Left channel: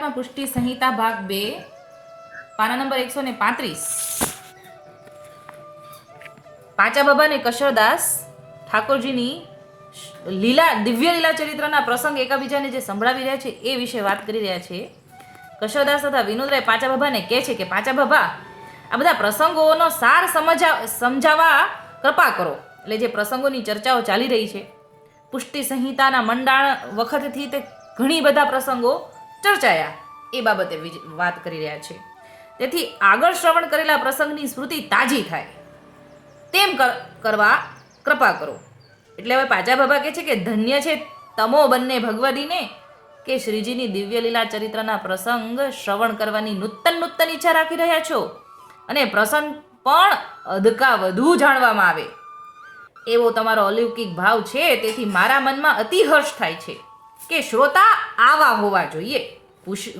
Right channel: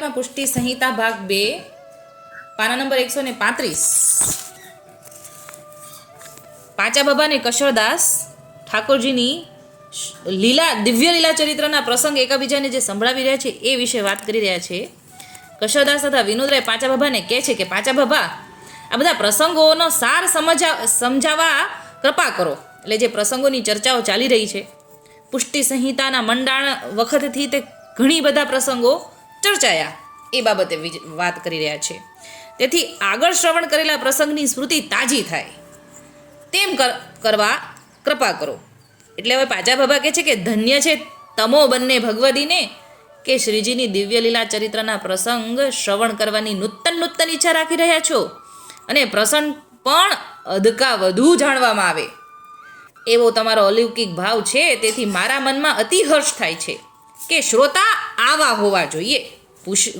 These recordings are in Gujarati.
પુષ્ટિ સંહિતા ભાગ બે, પાના નંબર એકસો ને પાંત્રીસ. પાંચા બાબા ને કશરદાસ ઠાકોરજીની લીલા, દિવ્ય લીલા ચરિત્રના પ્રસંગ એકાબીજાને જે સંભળાવી રહ્યા છે એ વિશે વાત કરી રહ્યા છે. કશરદાસ તથા વિનોદરાય પાંચા બાબાને કહે છે કે, પાંચા બાબા, આ બધા પ્રસંગોનો સાર સમજા સમજાવવા કૃપા કરો. એટલે જે પ્રસંગોની ચર્ચાઓ ચાલી રહી છે. પુષ્ટિ સંહિતાના મંડાણ વખતથી તે ઘણી બધા પ્રસંગો ચર્ચાયા એ બાબતે વાત કરી રહ્યા છે. તેથી આગળ શ્રવણ કરેલા પ્રસંગની સ્મૃતિ તાજી થાય. તેમ કર- કરવા કૃપા કરો. એટલે હવે પાજા બાબા કહે છે કે ધન્ય છે તમો બંને ભગવદીને કે શ્રીજીની દિવ્ય લીલા ચરિત્રના પ્રસંગ શ્રવણ કરવાની નૂતન નૂતન ઈચ્છા રાખી રહ્યા છો. અને પ્રસંગ પણ અધકા વધુ જાણવામાં આવે. એવો તમારો અલૌકિક ભાવ છે, તેથી મારા મનમાં અતિહર્ષ થાય છે કે શ્રોતા આવા હોવા જોઈએ.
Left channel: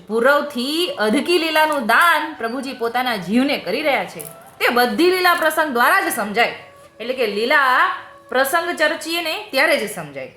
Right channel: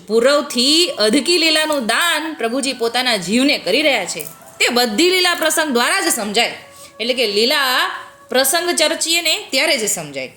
પૂર્વથી અધકી લીલાનું દાન પ્રભુજી પોતાના જીવને કરી રહ્યા છે. તે બધી લીલા પ્રસંગ દ્વારા જ સમજાય. એટલે કે લીલા પ્રસંગ ચર્ચીએ ને ત્યારે જ સમજાય.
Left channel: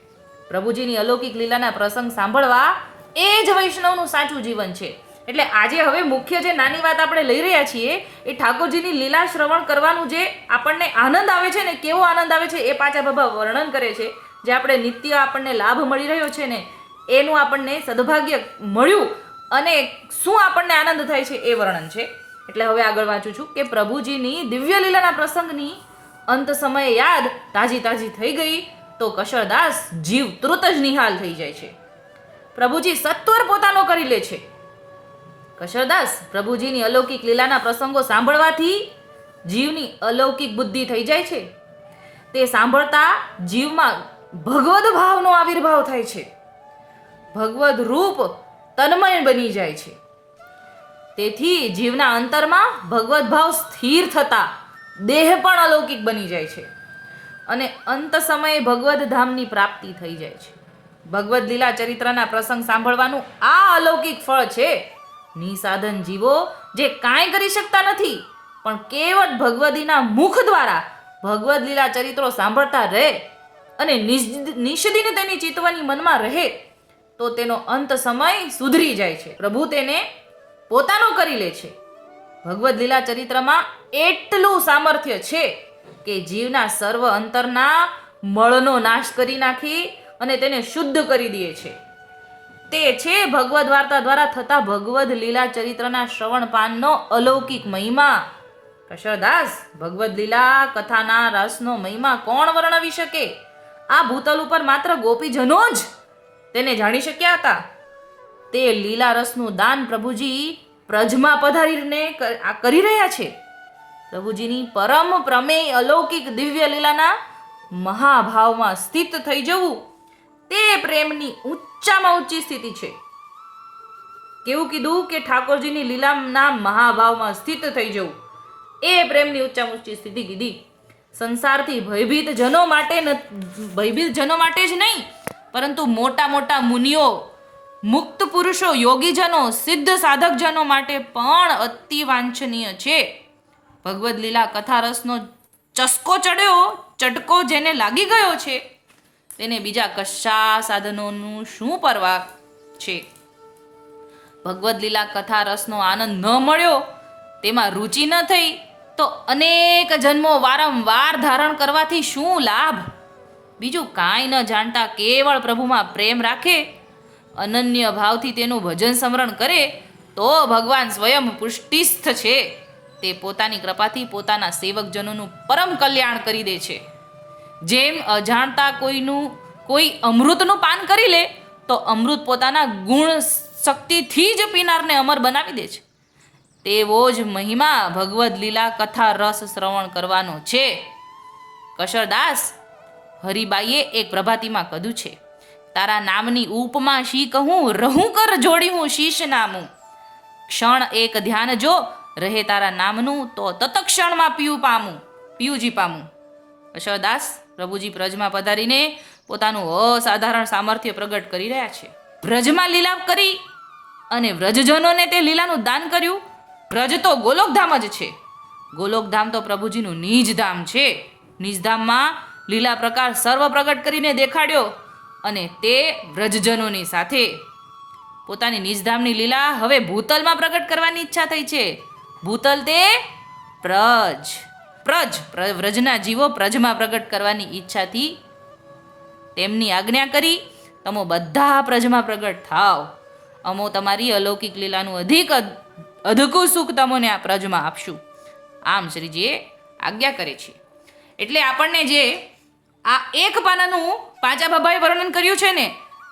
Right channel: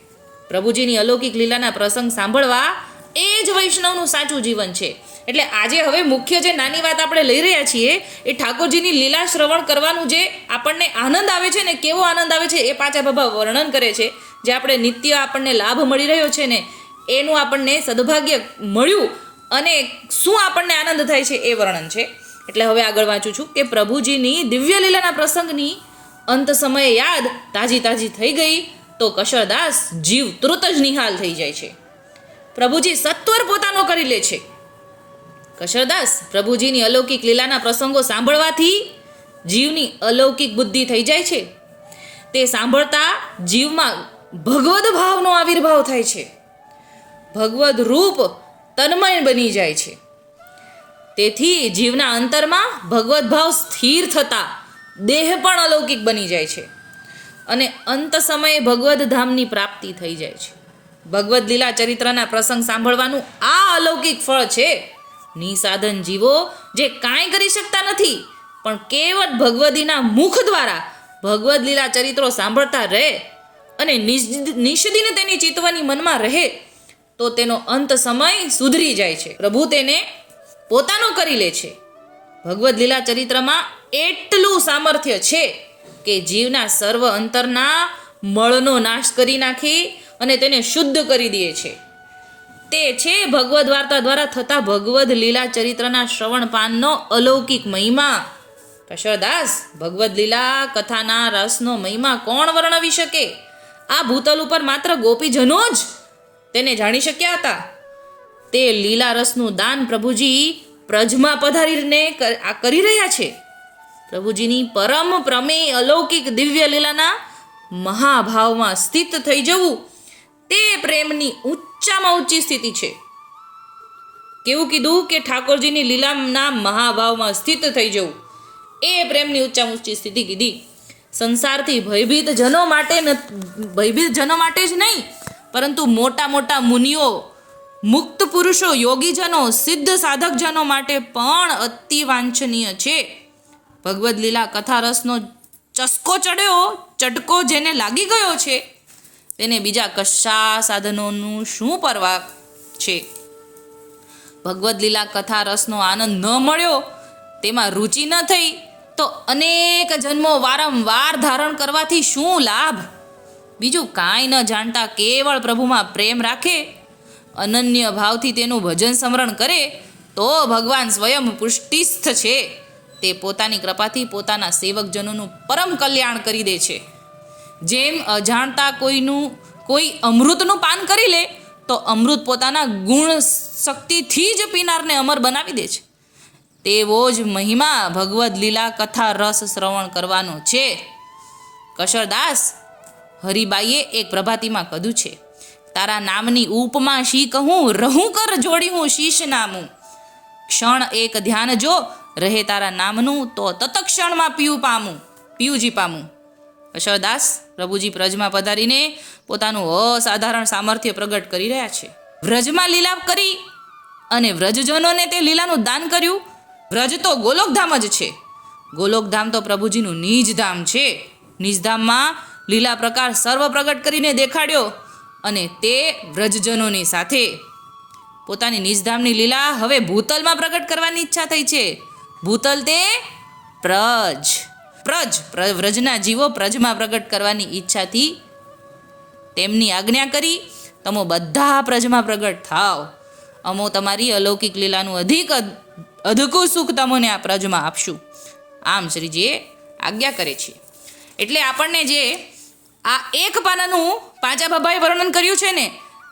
પ્રભુજીની અલૌકિક લીલાના પ્રસંગ સાંભળવા એ જ વૈષ્ણવનું સાચું જીવન છે. એટલે આજે હવે મુખ્ય જે નાની વાત આપણે લઈ રહ્યા છીએ, એ ઠાકોરજીની લીલા શ્રવણ કરવાનું જે આપણને આનંદ આવે છે ને કેવો આનંદ આવે છે એ પાછા બાબા વર્ણન કરે છે. જે આપણે નિત્ય આપણને લાભ મળી રહ્યો છે ને એનું આપણને સદભાગ્ય મળ્યું અને શું આપણને આનંદ થાય છે એ વર્ણન છે. એટલે હવે આગળ વાંચું છું કે પ્રભુજીની દિવ્ય લીલાના પ્રસંગની અંત સમયે યાદ તાજી તાજી થઈ ગઈ તો કશરદાસ જીવ તૃત જ નિહાલ થઈ જાય છે. પ્રભુજી સત્વર પોતાનો કરી લે છે. કશરદાસ પ્રભુજીની અલૌકિક લીલાના પ્રસંગો સાંભળવાથી જીવની અલૌકિક બુદ્ધિ થઈ જાય છે. તે સાંભળતા જીવમાં ભગવદ ભાવનો આવિર્ભાવ થાય છે. ભગવદ રૂપ તન્મય બની જાય છે. તેથી જીવના અંતરમાં ભગવદ ભાવ સ્થિર થતા દેહ પણ અલૌકિક બની જાય છે અને અંત સમયે ભગવદ ધામની પ્રાપ્તિ થઈ જાય છે. ભગવદ લીલા ચરિત્રના પ્રસંગ સાંભળવાનું આ અલૌકિક ફળ છે. નિસાધન જીવો જે કાંઈ કરી શકતા નથી, પણ કેવળ ભગવદીના મુખ દ્વારા ભગવદ લીલા ચરિત્રો સાંભળતા રહે અને નિષદીને તેની ચિત્તવાની મનમાં રહે તો તેનો અંત સમય સુધરી જાય છે. પ્રભુ તેને પોતાનો કરી લે છે. ભગવદ્ લીલા ચરિત્રમાં એટલું સામર્થ્ય છે કે જીવના સર્વ અંતરના મળનો નાશ કરી નાખી અને તેને શુદ્ધ કરી દે છે. તે છે ભગવદ વાર્તા દ્વારા થતા ભગવદ્ લીલા ચરિત્રના શ્રવણ પાનનો અલૌકિક મહિમા. કશરદાસ, ભગવદ્ લીલા કથાના રસનો મહિમા કોણ વર્ણવી શકે? આ ભૂતલ ઉપર માત્ર ગોપીજનો જ તેને જાણી શક્યા હતા? તે લીલા રસનું દાન પ્રભુજી પ્રજમાં પધારીને કરી રહ્યા છે. પ્રભુજીની પરમ પ્રમેય અલૌકિક દિવ્ય લીલાના મહાભાવમાં સ્થિત થઈ જવું તે પ્રેમની ઊંચામાં ઊંચી સ્થિતિ છે. કેવું કીધું કે ઠાકોરજીની લીલાના મહાભાવમાં સ્થિત થઈ જવું એ પ્રેમની ઊંચામાં ઊંચી સ્થિતિ કીધી. સંસારથી ભયભીત જનો માટે ભયભીત જનો માટે જ નહીં પરંતુ મોટા મોટા મુનિઓ, મુક્ત પુરુષો, યોગીજનો, સિદ્ધ સાધકજનો માટે પણ અતિ વાંછનીય છે. ભગવદ્ લીલા કથારસનો ચસ્કો ચડ્યો ચટકો જેને લાગી ગયો છે, તેને બીજા કશા સાધનોનું શું પરવા છે? ભગવદ્ લીલા કથા આનંદ ન મળ્યો, તેમાં રુચિ ન થઈ, તો અનેક જન્મો વારંવાર ધારણ કરવાથી શું લાભ? બીજું કાંઈ ન જાણતા કેવળ પ્રભુમાં પ્રેમ રાખે, અનન્ય ભાવથી તેનું ભજન સ્મરણ કરે, તો ભગવાન સ્વયં પુષ્ટિસ્થ છે. તે પોતાની કૃપાથી પોતાના સેવકજનોનું પરમ કલ્યાણ કરી દે છે. જેમ અજાણતા કોઈનું, કોઈ અમૃતનું પાન કરી લે, તો અમૃત પોતાના ગુણ શક્તિથી જ પીનારને અમર બનાવી દે છે. તેવો જ મહિમા ભગવદ લીલા કથા રસ શ્રવણ કરવાનો છે. કશરદાસ હરિબાઈએ એક પ્રભાતિમાં કધું છે. તારા નામની ઉપમાં શી કહું? રહું કર જોડી હું શીશ નામું ક્ષણ એક ધ્યાન જો, રહે તારા નામનું, તો તતક્ષણમાં પીયું પામું. પીયુજી પામું. અશરદાસ પ્રભુજી વ્રજમાં પધારીને પોતાનું અસાધારણ સામર્થ્ય પ્રગટ કરી રહ્યા છે. વ્રજમાં લીલા કરી અને વ્રજજનોને તે લીલાનું દાન કર્યું. વ્રજ તો ગોલોકધામ જ છે. ગોલોકધામ તો પ્રભુજીનું નિજધામ છે. નિજધામમાં લીલા પ્રકાર સર્વ પ્રગટ કરીને દેખાડ્યો અને તે વ્રજજનોની સાથે. પોતાની નિજધામની લીલા હવે ભૂતલમાં પ્રગટ કરવાની ઈચ્છા થઈ છે. ભૂતલ તે પ્રજ. પ્રજ, પ્ર- વ્રજના જીવો પ્રજમાં પ્રગટ કરવાની ઈચ્છાથી તેમની આજ્ઞા કરી, તમો બધા પ્રજમાં પ્રગટ થાવ અમો તમારી અલૌકિક લીલાનું અધિક અધકું સુખ તમને આ પ્રજમાં આપશું. આમ શ્રીજીએ આજ્ઞા કરે છે. એટલે આપણને જે આ એક પાનાનું પાંચા બાબાએ વર્ણન કર્યું છે ને.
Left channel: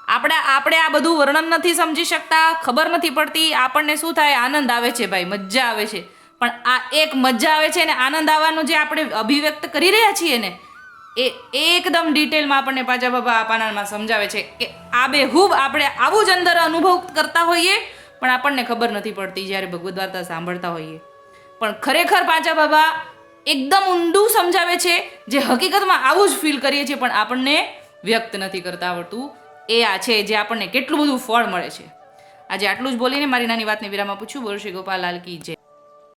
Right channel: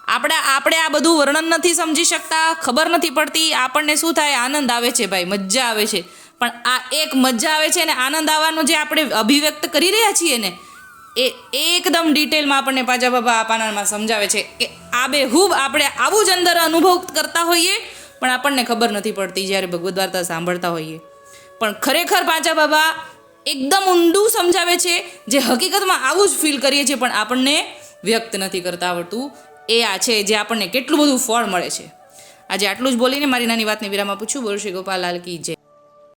આપણે આપણે આ બધું વર્ણન નથી સમજી શકતા, ખબર નથી પડતી, આપણને શું થાય? આનંદ આવે છે ભાઈ, મજા આવે છે. પણ આ એક મજા આવે છે ને આનંદ આવવાનું જે આપણે અભિવ્યક્ત કરી રહ્યા છીએ ને, એ એકદમ ડિટેલમાં આપણને પાંચા બાબા આ પાનામાં સમજાવે છે. કે આ બે હૂબ આપણે આવું જ અંદર અનુભવ કરતા હોઈએ, પણ આપણને ખબર નથી પડતી જ્યારે ભગવદ્ વાર્તા સાંભળતા હોઈએ. પણ ખરેખર પાંચા બાબા એકદમ ઊંડું સમજાવે છે, જે હકીકતમાં આવું જ ફીલ કરીએ છીએ, પણ આપણને વ્યક્ત નથી કરતા આવડતું. એ આ છે જે આપણને કેટલું બધું ફળ મળે છે. આજે આટલું જ બોલીને મારી નાની વાતને વિરામ આપું છું. બોલ શ્રી ગોપાલ લાલ કી જય.